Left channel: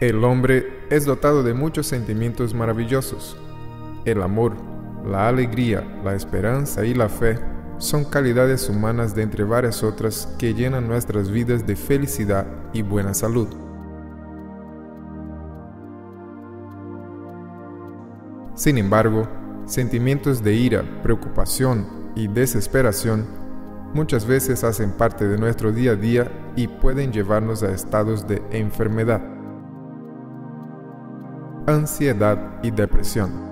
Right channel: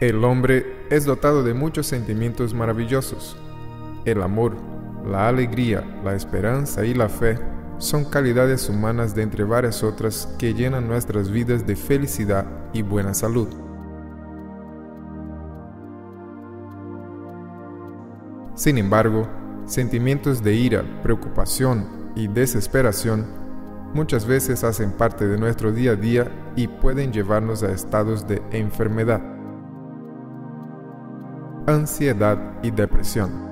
El hombre es dotado de muchos sentimientos maravillosos. El amor, la alegría, la esperanza y la fe son calidades humanas de entre varias otras que llenan nuestras vidas de felicidad y buena salud. Sin embargo, sentimientos de ira, preocupación y desesperación muchas veces hacen parte de nuestro día a día y pueden llevarnos a estados de enfermedad, ansiedad y depresión.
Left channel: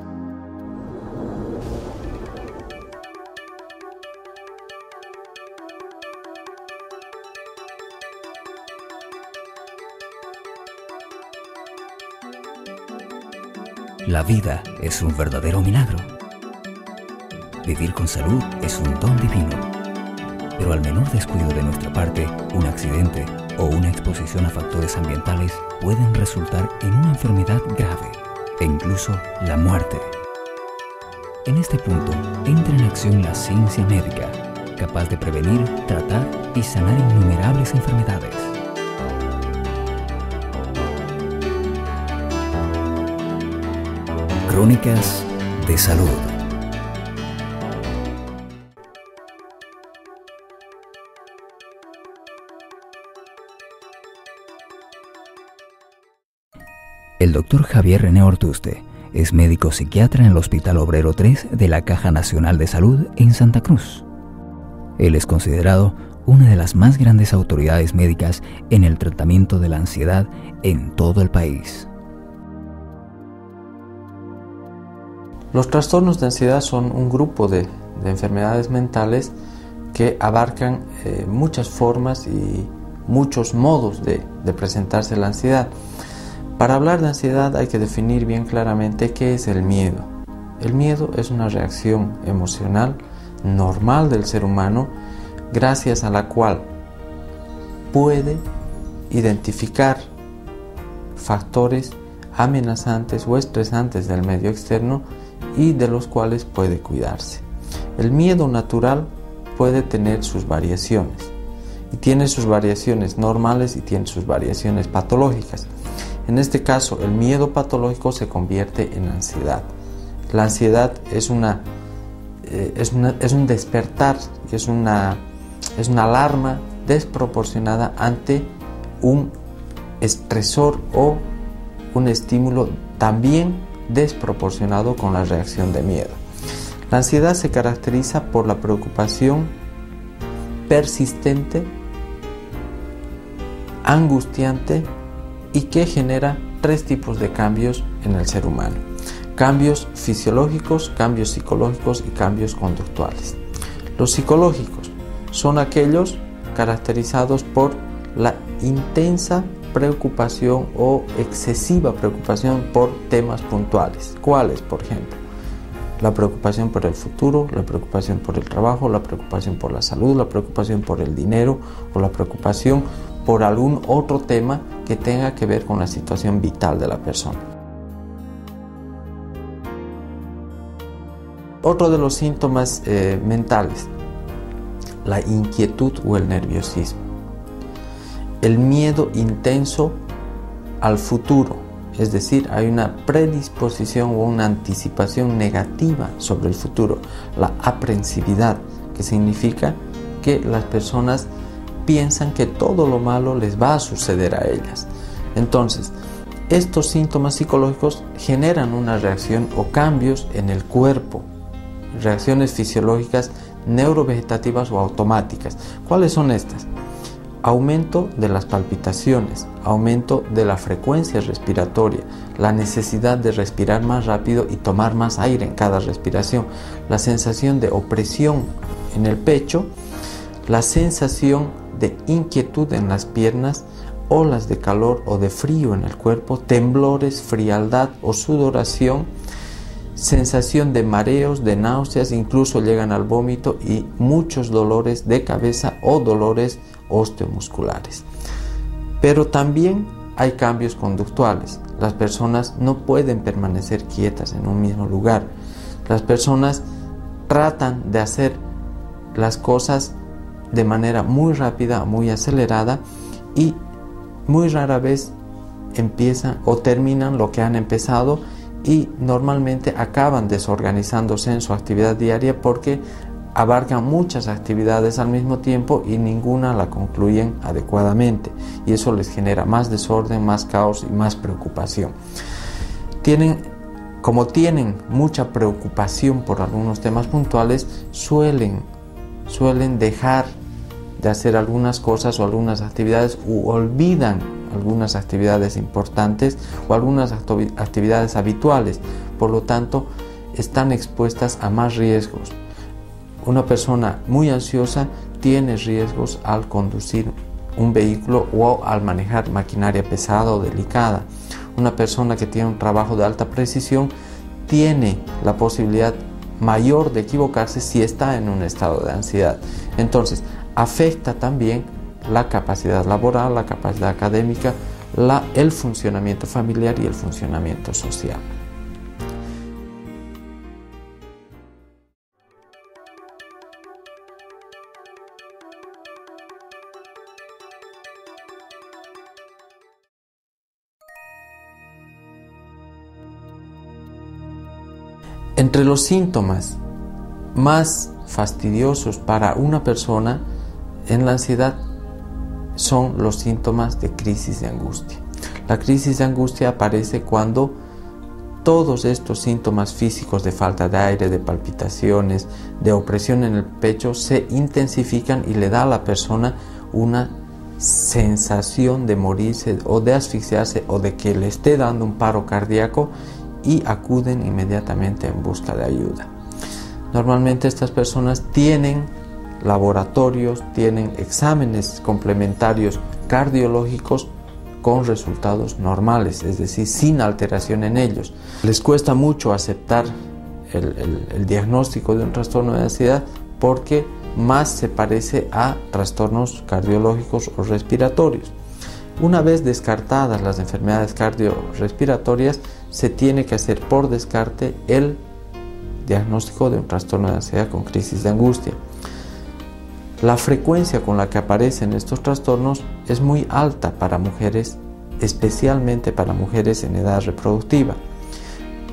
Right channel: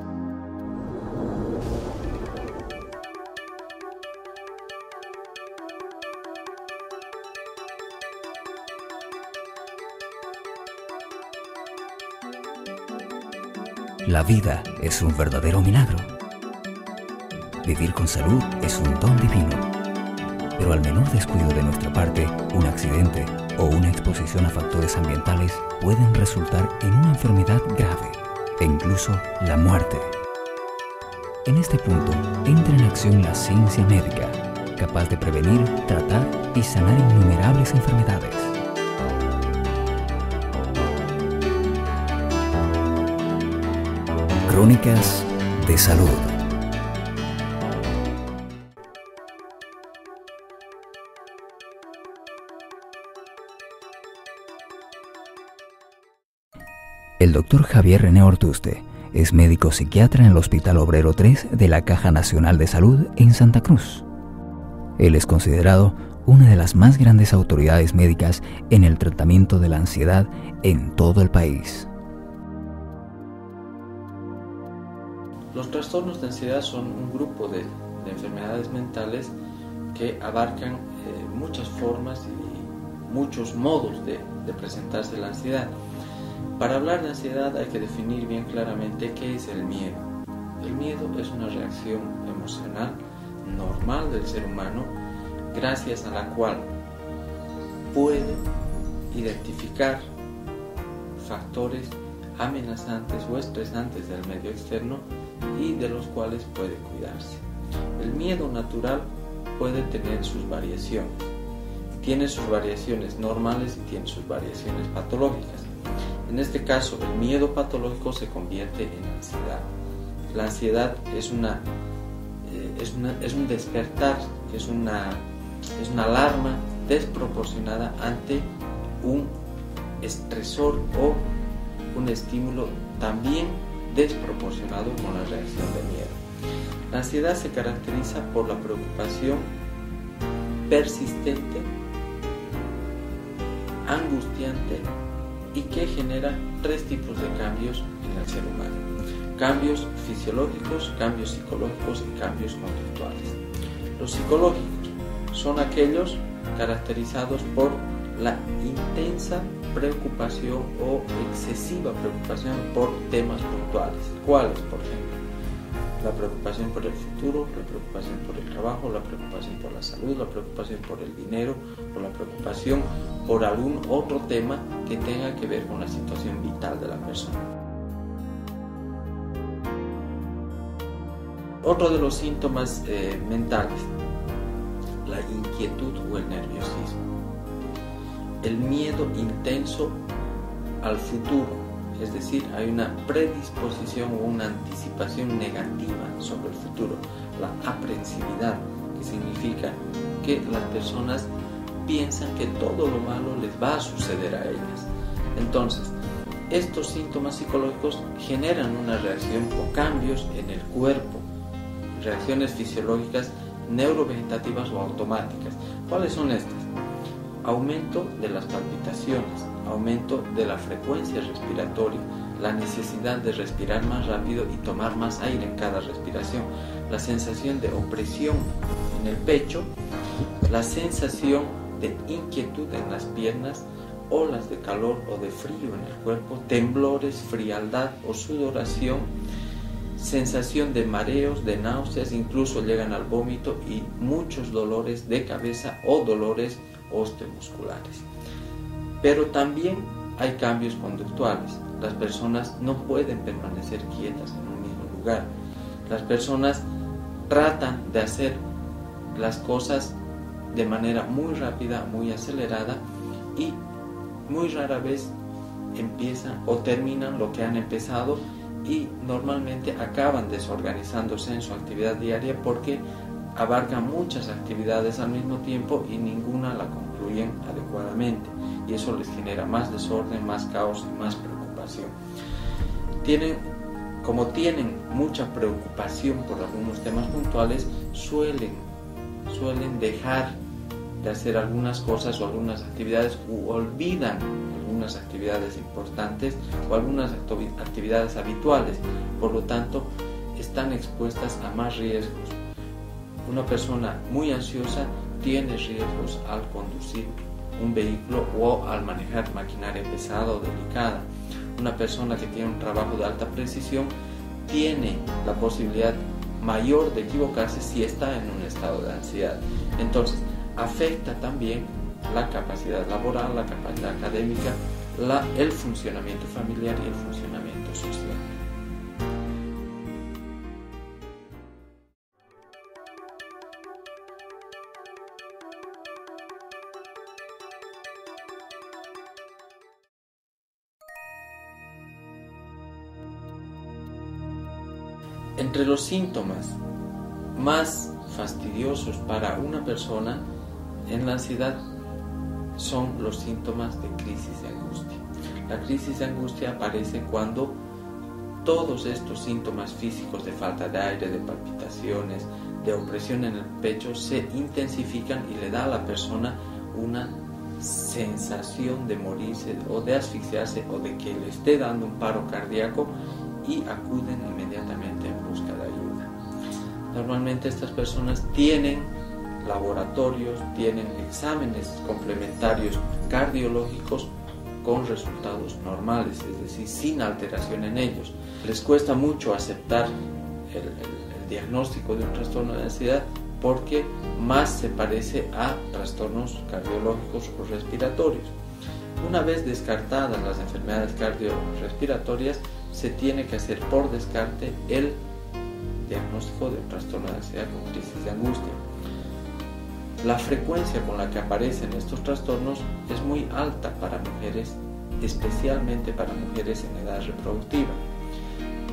La vida es un verdadero milagro. Vivir con salud es un don divino. Pero al menor descuido de nuestra parte, un accidente o una exposición a factores ambientales pueden resultar en una enfermedad grave e incluso la muerte. En este punto entra en acción la ciencia médica, capaz de prevenir, tratar y sanar innumerables enfermedades. Crónicas de salud. El Dr. Javier René Ortuste es médico psiquiatra en el Hospital Obrero 3 de la Caja Nacional de Salud en Santa Cruz. Él es considerado una de las más grandes autoridades médicas en el tratamiento de la ansiedad en todo el país. Los trastornos de ansiedad son un grupo de enfermedades mentales que abarcan muchas formas y muchos modos de presentarse la ansiedad. Para hablar de ansiedad hay que definir bien claramente qué es el miedo. El miedo es una reacción emocional normal del ser humano, gracias a la cual puede identificar factores amenazantes o estresantes del medio externo y de los cuales puede cuidarse. El miedo natural puede tener sus variaciones, y tiene sus variaciones normales y tiene sus variaciones patológicas. En este caso, el miedo patológico se convierte en ansiedad. La ansiedad es un despertar, es una alarma desproporcionada ante un estresor o un estímulo también desproporcionado con la reacción de miedo. La ansiedad se caracteriza por la preocupación persistente, angustiante y que genera tres tipos de cambios en el ser humano: cambios fisiológicos, cambios psicológicos y cambios conductuales. Los psicológicos son aquellos caracterizados por la intensa preocupación o excesiva preocupación por temas puntuales. ¿Cuáles, por ejemplo? La preocupación por el futuro, la preocupación por el trabajo, la preocupación por la salud, la preocupación por el dinero o la preocupación por algún otro tema que tenga que ver con la situación vital de la persona. Otro de los síntomas mentales: la inquietud o el nerviosismo. El miedo intenso al futuro, es decir, hay una predisposición o una anticipación negativa sobre el futuro. La aprensividad, que significa que las personas piensan que todo lo malo les va a suceder a ellas. Entonces, estos síntomas psicológicos generan una reacción o cambios en el cuerpo, reacciones fisiológicas neurovegetativas o automáticas. ¿Cuáles son estas? Aumento de las palpitaciones, aumento de la frecuencia respiratoria, la necesidad de respirar más rápido y tomar más aire en cada respiración, la sensación de opresión en el pecho, la sensación de inquietud en las piernas, olas de calor o de frío en el cuerpo, temblores, frialdad o sudoración, sensación de mareos, de náuseas, incluso llegan al vómito y muchos dolores de cabeza o dolores osteomusculares. Pero también hay cambios conductuales. Las personas no pueden permanecer quietas en un mismo lugar. Las personas tratan de hacer las cosas de manera muy rápida, muy acelerada, y muy rara vez empiezan o terminan lo que han empezado y normalmente acaban desorganizándose en su actividad diaria porque abarcan muchas actividades al mismo tiempo y ninguna la concluyen adecuadamente, y eso les genera más desorden, más caos y más preocupación. Como tienen mucha preocupación por algunos temas puntuales, suelen dejar de hacer algunas cosas o algunas actividades, u olvidan algunas actividades importantes o algunas actividades habituales. Por lo tanto, están expuestas a más riesgos. Una persona muy ansiosa tiene riesgos al conducir un vehículo o al manejar maquinaria pesada o delicada. Una persona que tiene un trabajo de alta precisión tiene la posibilidad mayor de equivocarse si está en un estado de ansiedad. Entonces, afecta también la capacidad laboral, la capacidad académica, el funcionamiento familiar y el funcionamiento social. Entre los síntomas más fastidiosos para una persona en la ansiedad son los síntomas de crisis de angustia. La crisis de angustia aparece cuando todos estos síntomas físicos de falta de aire, de palpitaciones, de opresión en el pecho se intensifican y le da a la persona una sensación de morirse o de asfixiarse o de que le esté dando un paro cardíaco, y acuden inmediatamente en busca de ayuda. Normalmente estas personas tienen laboratorios, tienen exámenes complementarios cardiológicos con resultados normales, es decir, sin alteración en ellos. Les cuesta mucho aceptar el diagnóstico de un trastorno de ansiedad porque más se parece a trastornos cardiológicos o respiratorios. Una vez descartadas las enfermedades cardiorrespiratorias, se tiene que hacer por descarte el diagnóstico de un trastorno de ansiedad con crisis de angustia. La frecuencia con la que aparecen estos trastornos es muy alta para mujeres, especialmente para mujeres en edad reproductiva.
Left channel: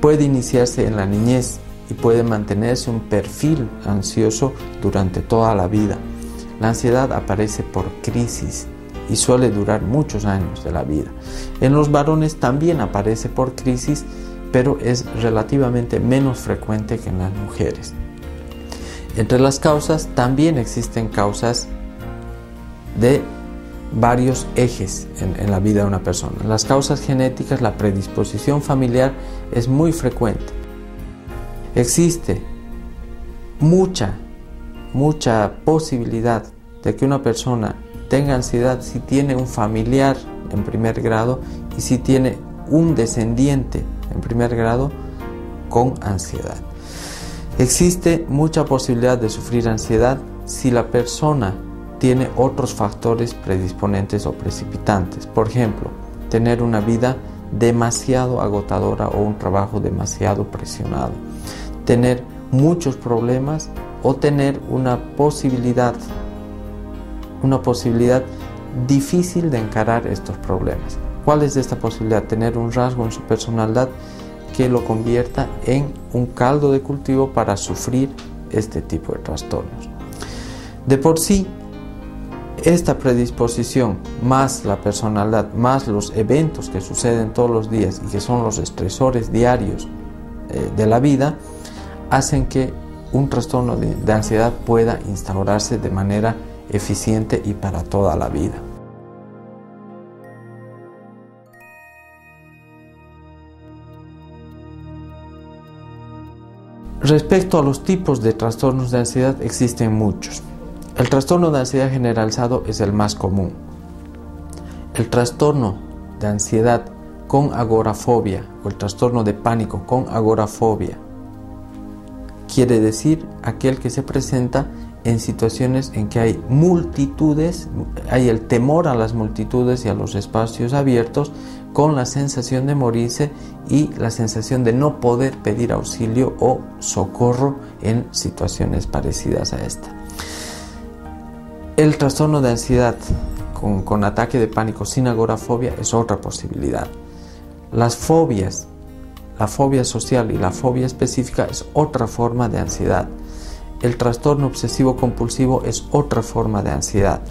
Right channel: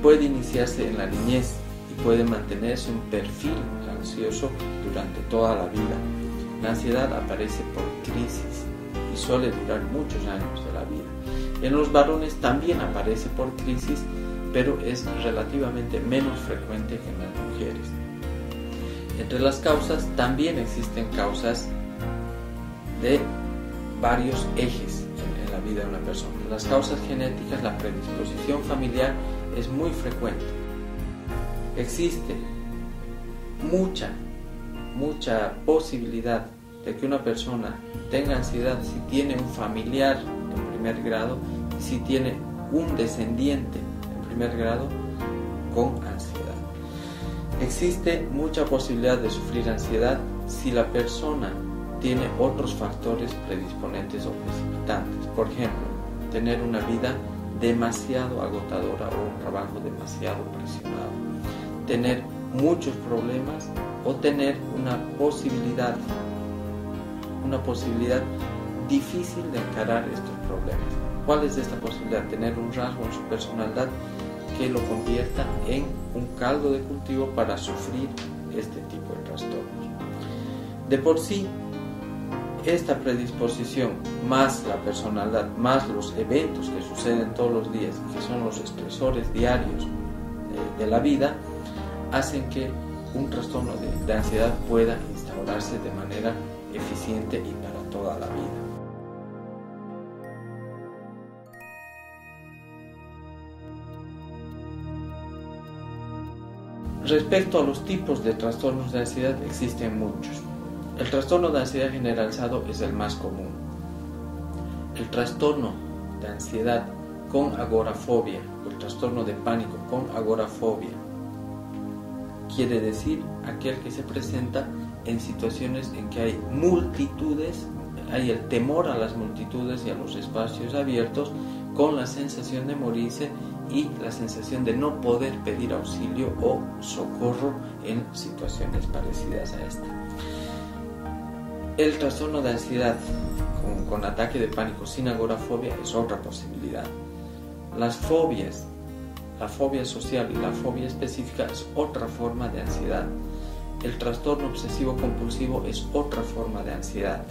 Puede iniciarse en la niñez y puede mantenerse un perfil ansioso durante toda la vida. La ansiedad aparece por crisis y suele durar muchos años de la vida. En los varones también aparece por crisis, pero es relativamente menos frecuente que en las mujeres. Entre las causas también existen causas de varios ejes en la vida de una persona. Las causas genéticas, la predisposición familiar es muy frecuente. Existe mucha posibilidad de que una persona tenga ansiedad si tiene un familiar en primer grado y si tiene un descendiente en primer grado con ansiedad. Existe mucha posibilidad de sufrir ansiedad si la persona tiene otros factores predisponentes o precipitantes. Por ejemplo, tener una vida demasiado agotadora o un trabajo demasiado presionado, tener muchos problemas o tener una posibilidad difícil de encarar estos problemas. ¿Cuál es esta posibilidad? Tener un rasgo en su personalidad que lo convierta en un caldo de cultivo para sufrir este tipo de trastornos. De por sí, esta predisposición, más la personalidad, más los eventos que suceden todos los días y que son los estresores diarios de la vida, hacen que un trastorno de ansiedad pueda instaurarse de manera eficiente y para toda la vida. Respecto a los tipos de trastornos de ansiedad, existen muchos. El trastorno de ansiedad generalizado es el más común. El trastorno de ansiedad con agorafobia o el trastorno de pánico con agorafobia quiere decir aquel que se presenta en situaciones en que hay multitudes, hay el temor a las multitudes y a los espacios abiertos, con la sensación de morirse y la sensación de no poder pedir auxilio o socorro en situaciones parecidas a esta. El trastorno de ansiedad con ataque de pánico sin agorafobia es otra posibilidad. Las fobias, la fobia social y la fobia específica es otra forma de ansiedad. El trastorno obsesivo compulsivo es otra forma de ansiedad.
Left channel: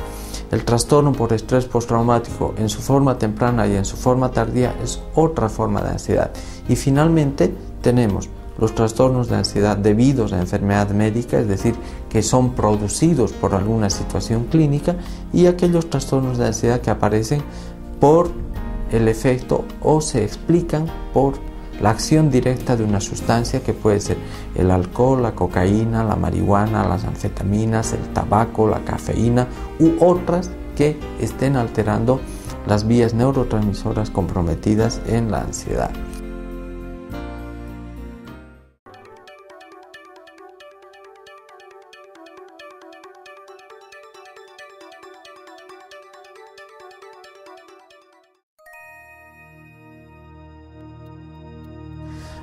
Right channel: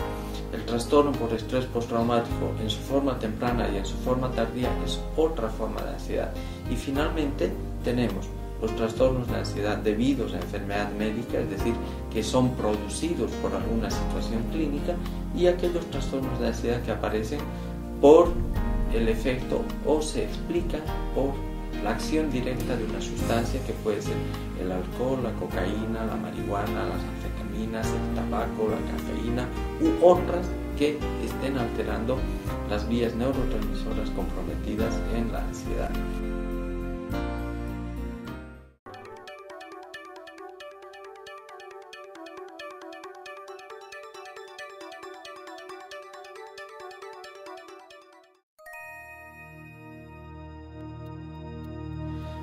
El trastorno por estrés postraumático en su forma temprana y en su forma tardía es otra forma de ansiedad. Y finalmente tenemos los trastornos de ansiedad debidos a enfermedad médica, es decir, que son producidos por alguna situación clínica, y aquellos trastornos de ansiedad que aparecen por el efecto o se explican por la acción directa de una sustancia que puede ser el alcohol, la cocaína, la marihuana, las anfetaminas, el tabaco, la cafeína u otras que estén alterando las vías neurotransmisoras comprometidas en la ansiedad.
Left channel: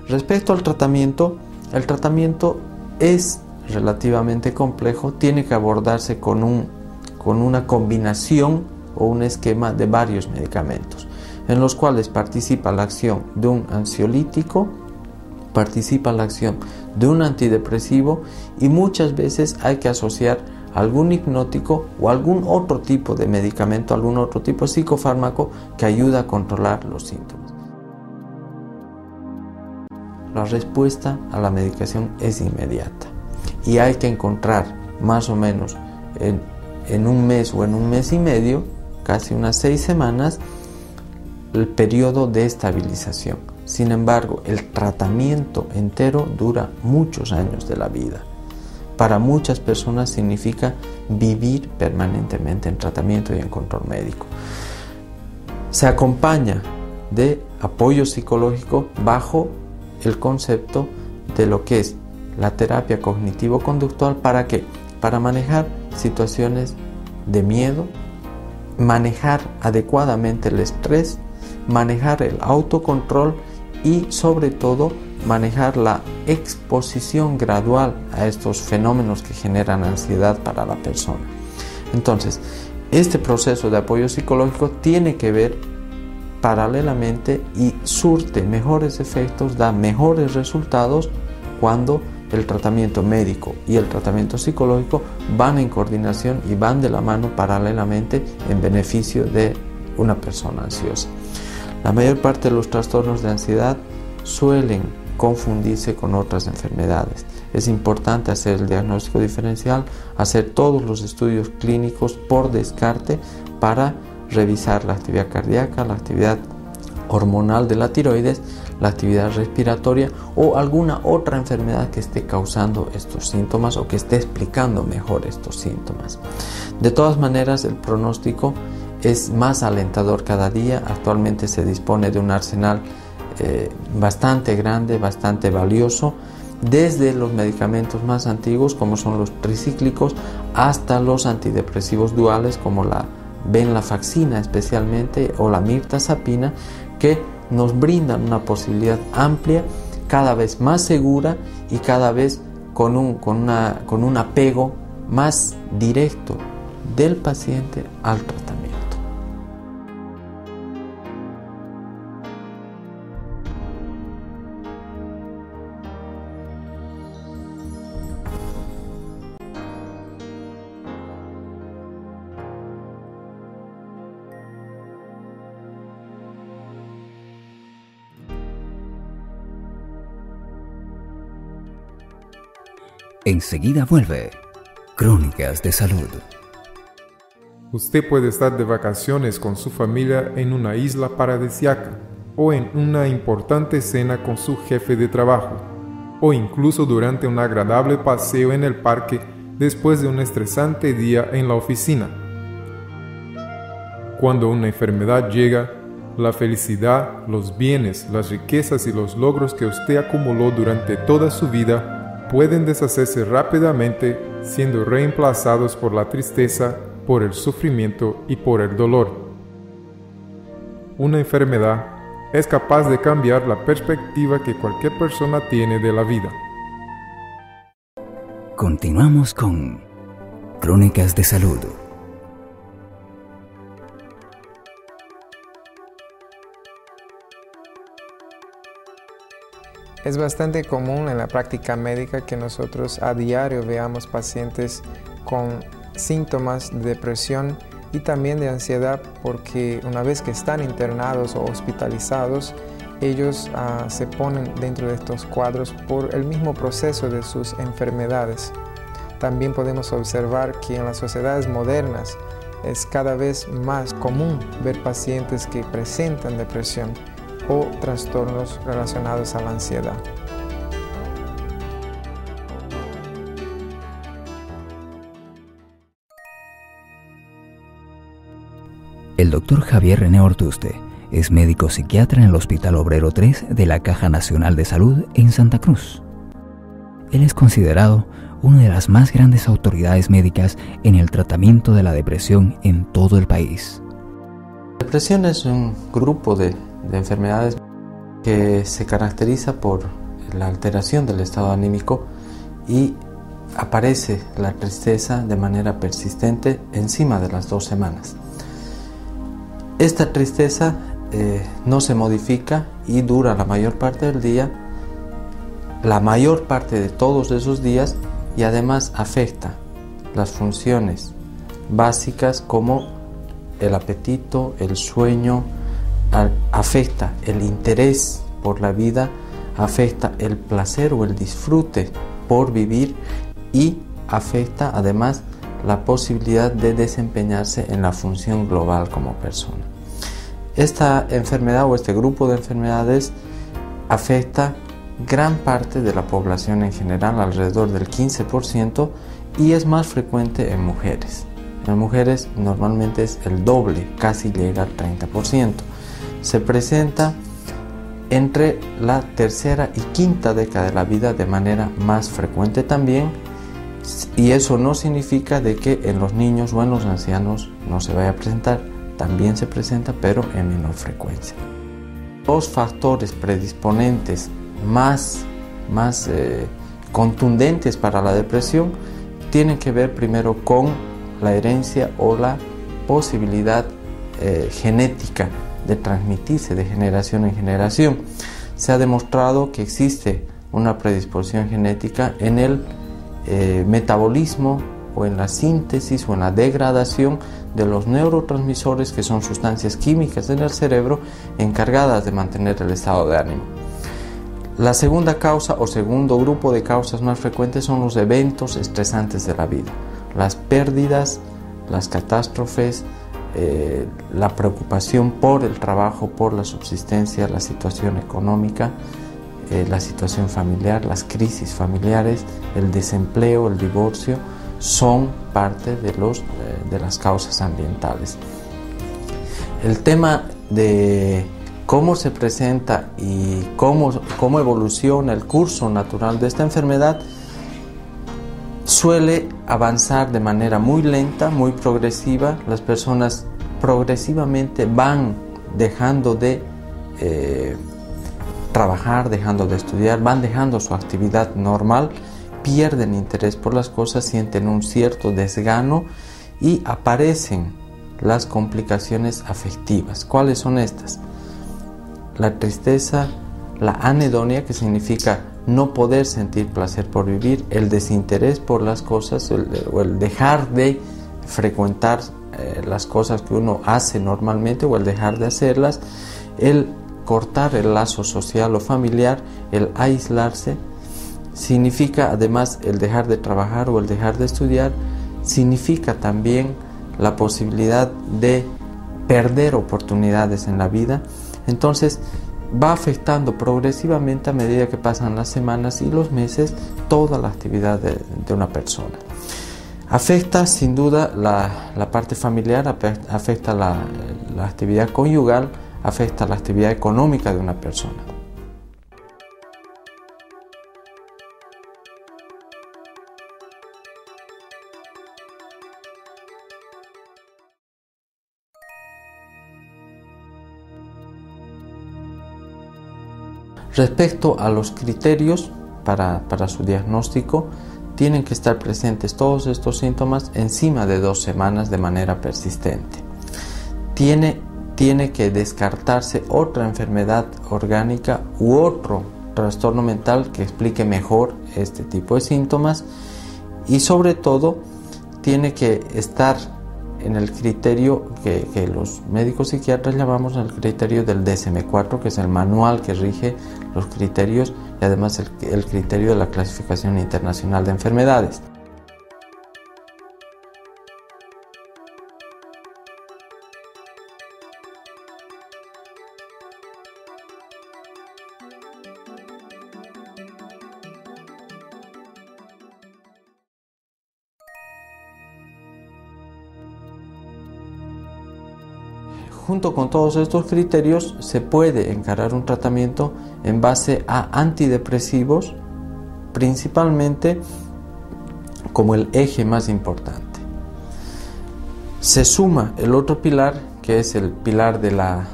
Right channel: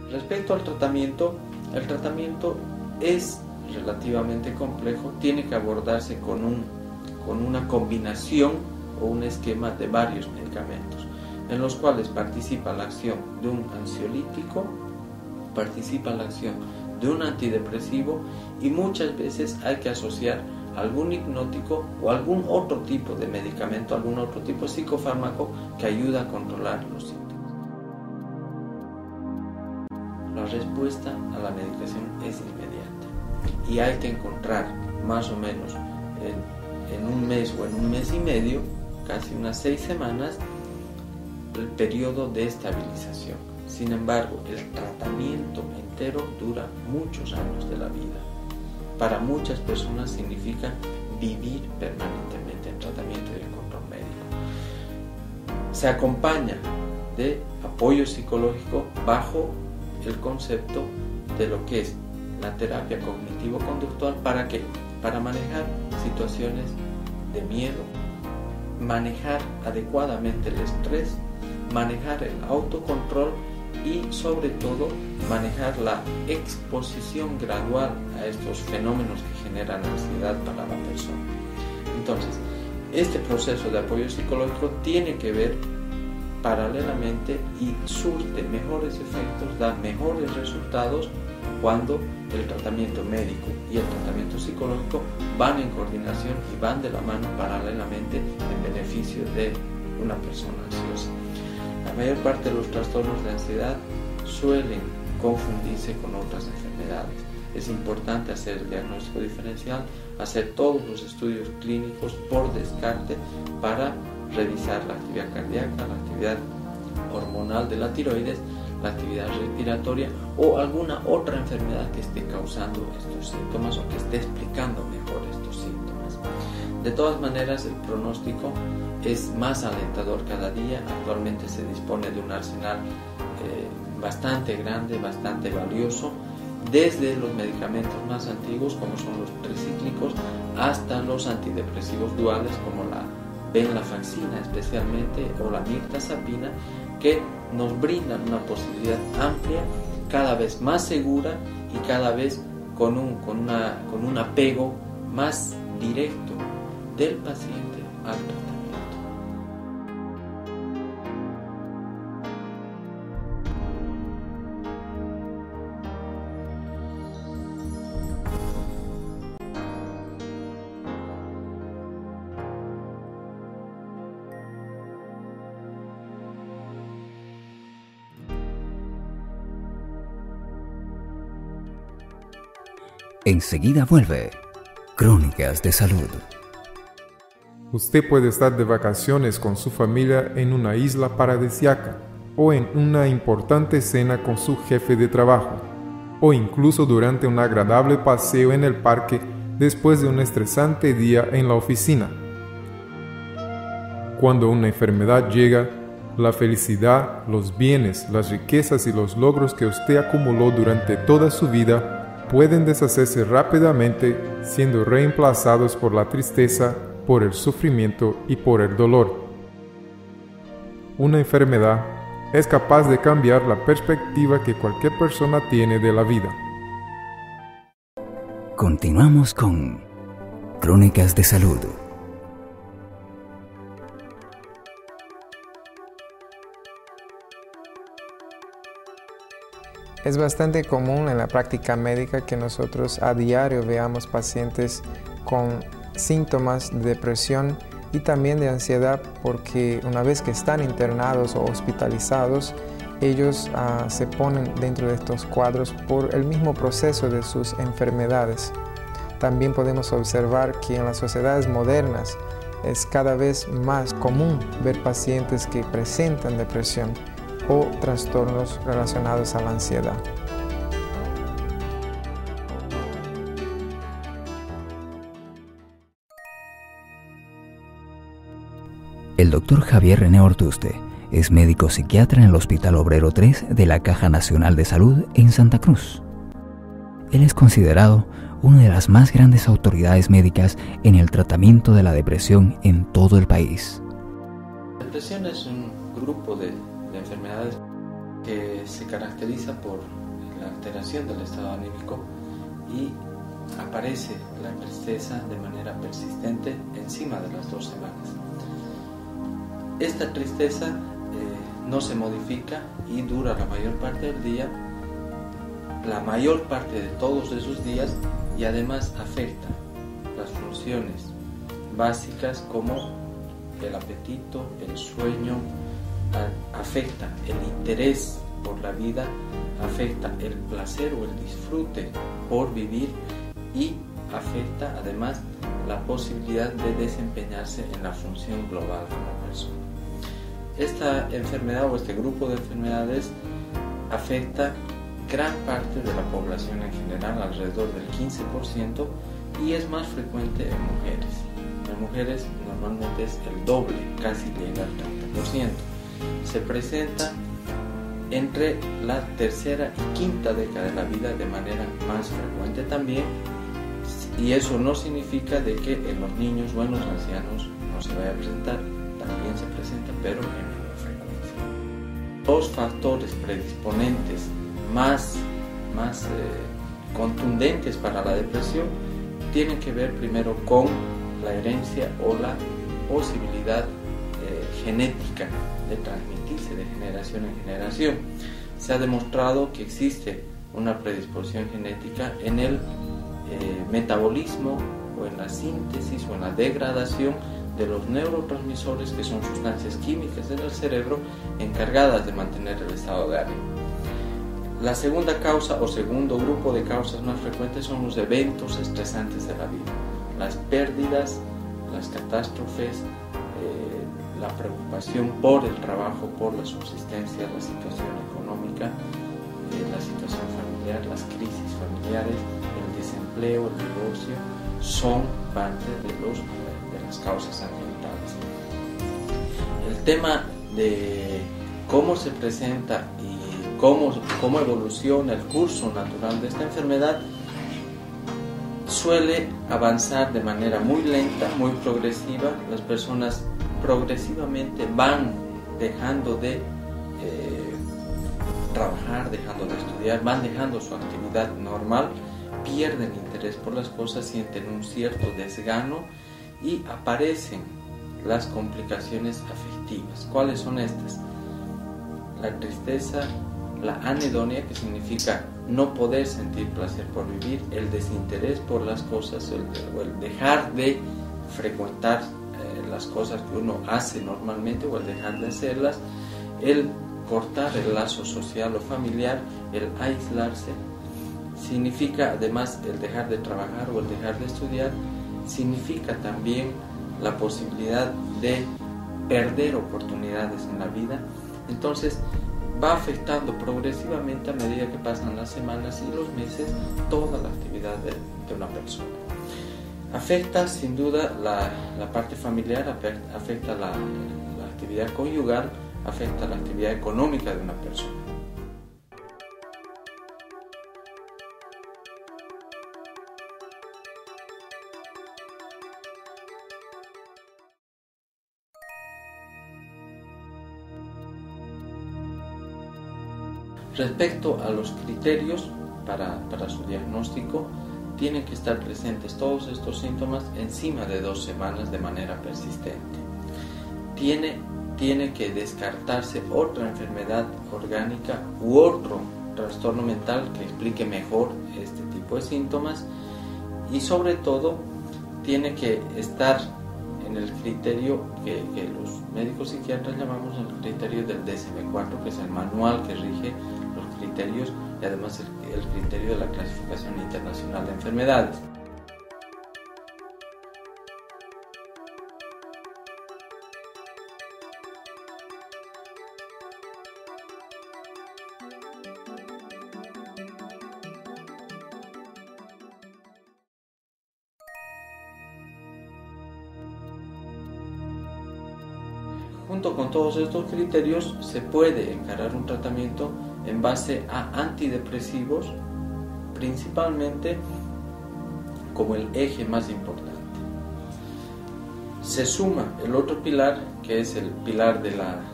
Respecto al tratamiento, el tratamiento es relativamente complejo, tiene que abordarse con una combinación o un esquema de varios medicamentos, en los cuales participa la acción de un ansiolítico, participa la acción de un antidepresivo y muchas veces hay que asociar algún hipnótico o algún otro tipo de medicamento, algún otro tipo de psicofármaco que ayuda a controlar los síntomas. La respuesta a la medicación es inmediata y hay que encontrar más o menos en un mes o en un mes y medio, casi unas 6 semanas, el periodo de estabilización. Sin embargo, el tratamiento entero dura muchos años de la vida. Para muchas personas significa vivir permanentemente en tratamiento y en control médico. Se acompaña de apoyo psicológico bajo el concepto de lo que es la terapia cognitivo-conductual. ¿Para qué? Para manejar situaciones de miedo, manejar adecuadamente el estrés, manejar el autocontrol y sobre todo manejar la exposición gradual a estos fenómenos que generan ansiedad para la persona. Entonces, este proceso de apoyo psicológico tiene que ver paralelamente y surte mejores efectos, da mejores resultados cuando el tratamiento médico y el tratamiento psicológico van en coordinación y van de la mano paralelamente en beneficio de una persona ansiosa. La mayor parte de los trastornos de ansiedad suelen confundirse con otras enfermedades. Es importante hacer el diagnóstico diferencial, hacer todos los estudios clínicos por descarte para revisar la actividad cardíaca, la actividad hormonal de la tiroides, la actividad respiratoria o alguna otra enfermedad que esté causando estos síntomas o que esté explicando mejor estos síntomas. De todas maneras, el pronóstico es más alentador cada día. Actualmente se dispone de un arsenal bastante grande, bastante valioso, desde los medicamentos más antiguos como son los tricíclicos hasta los antidepresivos duales como la venlafaxina especialmente o la mirtazapina, que nos brindan una posibilidad amplia, cada vez más segura y cada vez con un apego más directo del paciente al tratamiento. Enseguida vuelve Crónicas de Salud. Usted puede estar de vacaciones con su familia en una isla paradisíaca, o en una importante cena con su jefe de trabajo, o incluso durante un agradable paseo en el parque después de un estresante día en la oficina. Cuando una enfermedad llega, la felicidad, los bienes, las riquezas y los logros que usted acumuló durante toda su vida pueden deshacerse rápidamente, siendo reemplazados por la tristeza, por el sufrimiento y por el dolor. Una enfermedad es capaz de cambiar la perspectiva que cualquier persona tiene de la vida. Continuamos con Crónicas de Salud. Es bastante común en la práctica médica que nosotros a diario veamos pacientes con síntomas de depresión y también de ansiedad, porque una vez que están internados o hospitalizados, ellos se ponen dentro de estos cuadros por el mismo proceso de sus enfermedades. También podemos observar que en las sociedades modernas es cada vez más común ver pacientes que presentan depresión o trastornos relacionados a la ansiedad. El doctor Javier René Ortuste es médico psiquiatra en el Hospital Obrero 3 de la Caja Nacional de Salud en Santa Cruz. Él es considerado una de las más grandes autoridades médicas en el tratamiento de la depresión en todo el país. La depresión es un grupo de enfermedades que se caracteriza por la alteración del estado anímico y aparece la tristeza de manera persistente encima de las 2 semanas. Esta tristeza no se modifica y dura la mayor parte del día, la mayor parte de todos esos días, y además afecta las funciones básicas como el apetito, el sueño, afecta el interés por la vida, afecta el placer o el disfrute por vivir y afecta además la posibilidad de desempeñarse en la función global como persona. Esta enfermedad o este grupo de enfermedades afecta gran parte de la población en general, alrededor del 15%, y es más frecuente en mujeres. En mujeres normalmente es el doble, casi llega al 30%. Se presenta entre la tercera y quinta década de la vida de manera más frecuente también, y eso no significa de que en los niños o en los ancianos no se vaya a presentar, también se presenta, pero en menor frecuencia. Los factores predisponentes más contundentes para la depresión tienen que ver primero con la herencia o la posibilidad genética de transmitirse de generación en generación. Se ha demostrado que existe una predisposición genética en el metabolismo o en la síntesis o en la degradación de los neurotransmisores, que son sustancias químicas en el cerebro encargadas de mantener el estado de ánimo. La segunda causa o segundo grupo de causas más frecuentes son los eventos estresantes de la vida, las pérdidas, las catástrofes, la preocupación por el trabajo, por la subsistencia, la situación económica, la situación familiar, las crisis familiares, el desempleo, el divorcio, son parte de las causas ambientales. El tema de cómo se presenta y cómo evoluciona el curso natural de esta enfermedad suele avanzar de manera muy lenta, muy progresiva. Las personas progresivamente van dejando de trabajar, dejando de estudiar, van dejando su actividad normal, pierden interés por las cosas, sienten un cierto desgano y aparecen las complicaciones afectivas. ¿Cuáles son estas? La tristeza, la anedonia, que significa no poder sentir placer por vivir, el desinterés por las cosas o el dejar de frecuentar las cosas que uno hace normalmente o el dejar de hacerlas, el cortar el lazo social o familiar, el aislarse, significa además el dejar de trabajar o el dejar de estudiar, significa también la posibilidad de perder oportunidades en la vida. Entonces va afectando progresivamente a medida que pasan las semanas y los meses toda la actividad de una persona. Afecta sin duda la parte familiar, afecta la actividad conyugal, afecta la actividad económica de una persona. Respecto a los criterios para su diagnóstico, tienen que estar presentes todos estos síntomas encima de 2 semanas de manera persistente. Tiene que descartarse otra enfermedad orgánica u otro trastorno mental que explique mejor este tipo de síntomas, y sobre todo tiene que estar en el criterio que los médicos psiquiatras llamamos el criterio del DSM-4, que es el manual que rige los criterios y además el criterio de la clasificación internacional de enfermedades. Junto con todos estos criterios se puede encarar un tratamiento en base a antidepresivos, principalmente como el eje más importante. Se suma el otro pilar, que es el pilar de la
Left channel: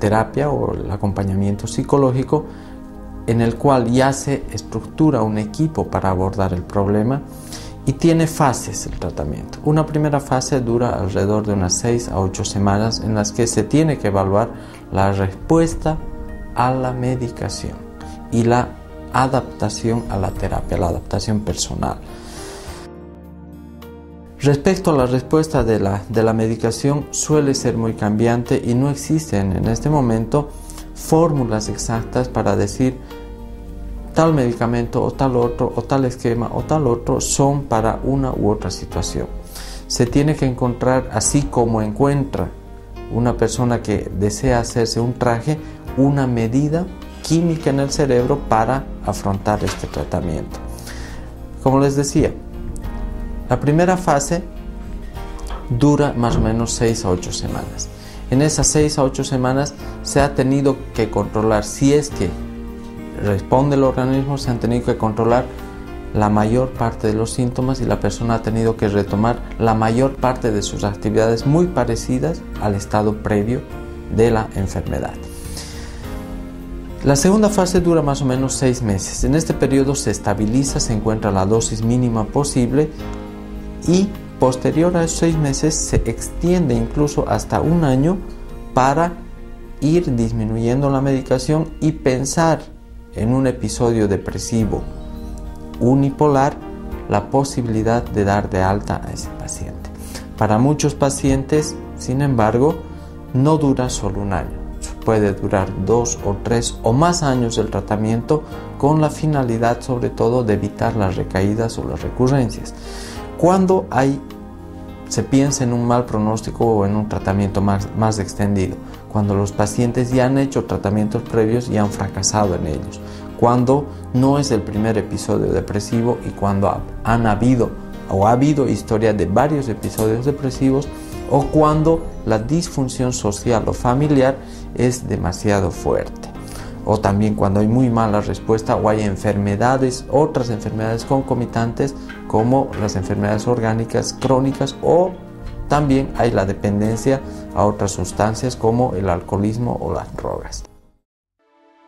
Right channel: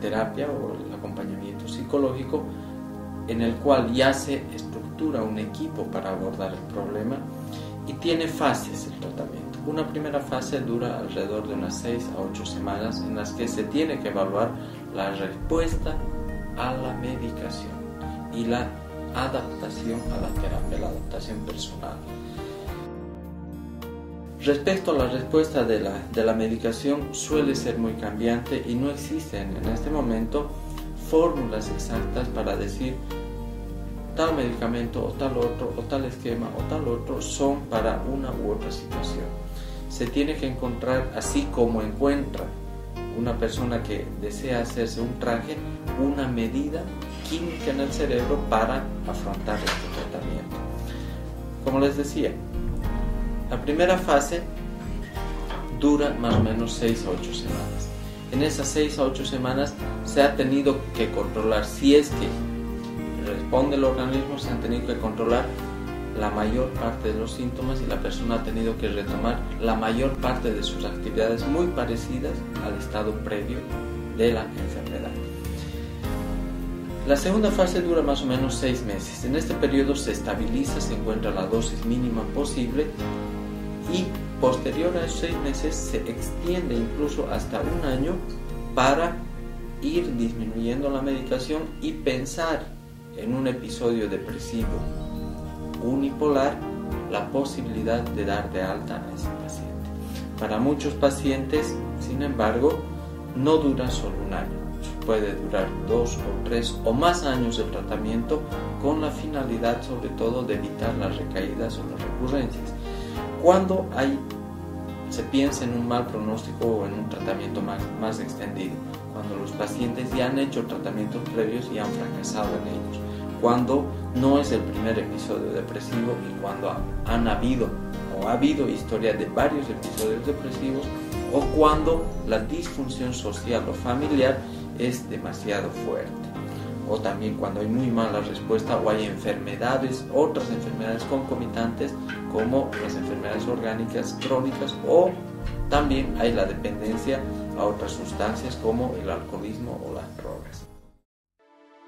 terapia o el acompañamiento psicológico, en el cual ya se estructura un equipo para abordar el problema y tiene fases el tratamiento. Una primera fase dura alrededor de unas 6 a 8 semanas en las que se tiene que evaluar la respuesta a la medicación y la adaptación a la terapia, la adaptación personal. Respecto a la respuesta de la medicación, suele ser muy cambiante y no existen en este momento fórmulas exactas para decir tal medicamento o tal otro, o tal esquema o tal otro son para una u otra situación. Se tiene que encontrar, así como encuentra una persona que desea hacerse un traje, una medida química en el cerebro para afrontar este tratamiento. Como les decía, la primera fase dura más o menos 6 a 8 semanas. En esas 6 a 8 semanas se ha tenido que controlar, si es que responde el organismo, se han tenido que controlar la mayor parte de los síntomas y la persona ha tenido que retomar la mayor parte de sus actividades muy parecidas al estado previo de la enfermedad. La segunda fase dura más o menos 6 meses. En este periodo se estabiliza, se encuentra la dosis mínima posible y posterior a esos 6 meses se extiende incluso hasta 1 año para ir disminuyendo la medicación y pensar en un episodio depresivo unipolar la posibilidad de dar de alta a ese paciente. Para muchos pacientes, sin embargo, no dura solo 1 año, puede durar 2 o 3 o más años el tratamiento, con la finalidad sobre todo de evitar las recaídas o las recurrencias. Cuando se piensa en un mal pronóstico o en un tratamiento más extendido, cuando los pacientes ya han hecho tratamientos previos y han fracasado en ellos, cuando no es el primer episodio depresivo y cuando ha habido historia de varios episodios depresivos, o cuando la disfunción social o familiar es demasiado fuerte, o también cuando hay muy mala respuesta o hay otras enfermedades concomitantes como las enfermedades orgánicas crónicas, o también hay la dependencia a otras sustancias como el alcoholismo o las drogas.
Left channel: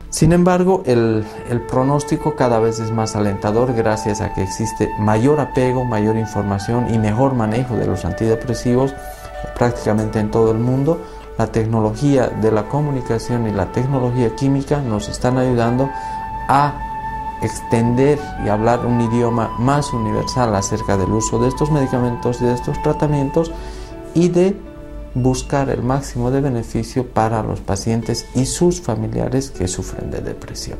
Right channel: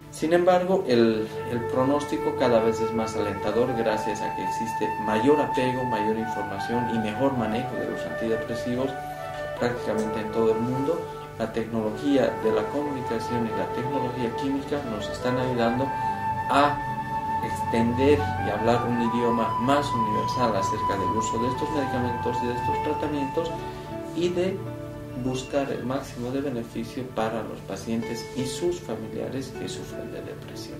Sin embargo, el pronóstico cada vez es más alentador gracias a que existe mayor apego, mayor información y mejor manejo de los antidepresivos prácticamente en todo el mundo. La tecnología de la comunicación y la tecnología química nos están ayudando a extender y hablar un idioma más universal acerca del uso de estos medicamentos y de estos tratamientos y de buscar el máximo de beneficio para los pacientes y sus familiares que sufren de depresión.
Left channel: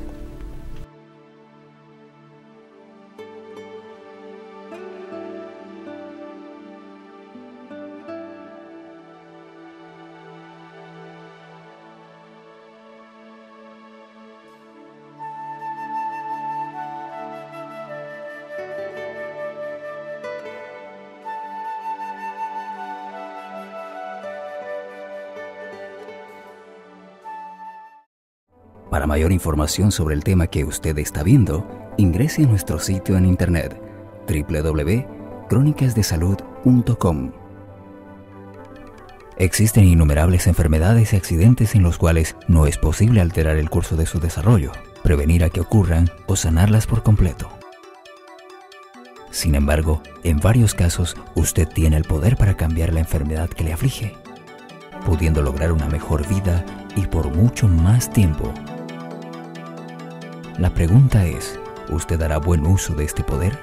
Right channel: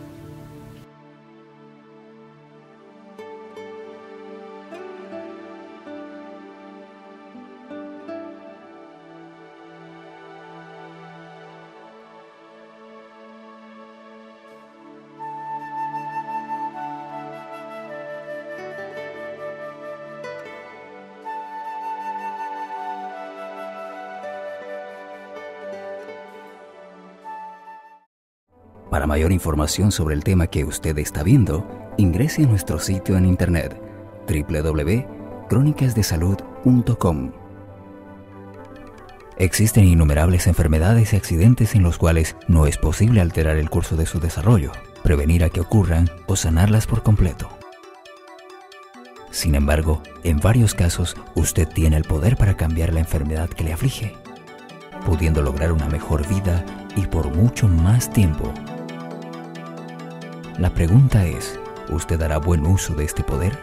Para mayor información sobre el tema que usted está viendo, ingrese a nuestro sitio en internet www.cronicasdesalud.com. Existen innumerables enfermedades y accidentes en los cuales no es posible alterar el curso de su desarrollo, prevenir a que ocurran o sanarlas por completo. Sin embargo, en varios casos, usted tiene el poder para cambiar la enfermedad que le aflige, pudiendo lograr una mejor vida y por mucho más tiempo. La pregunta es, ¿usted hará buen uso de este poder?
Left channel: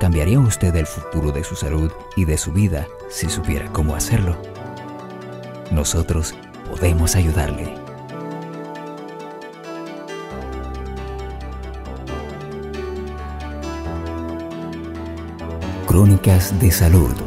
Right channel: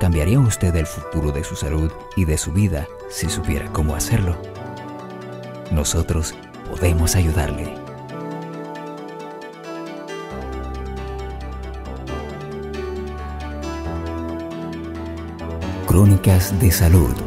¿Cambiaría usted el futuro de su salud y de su vida si supiera cómo hacerlo? Nosotros podemos ayudarle. Crónicas de Salud.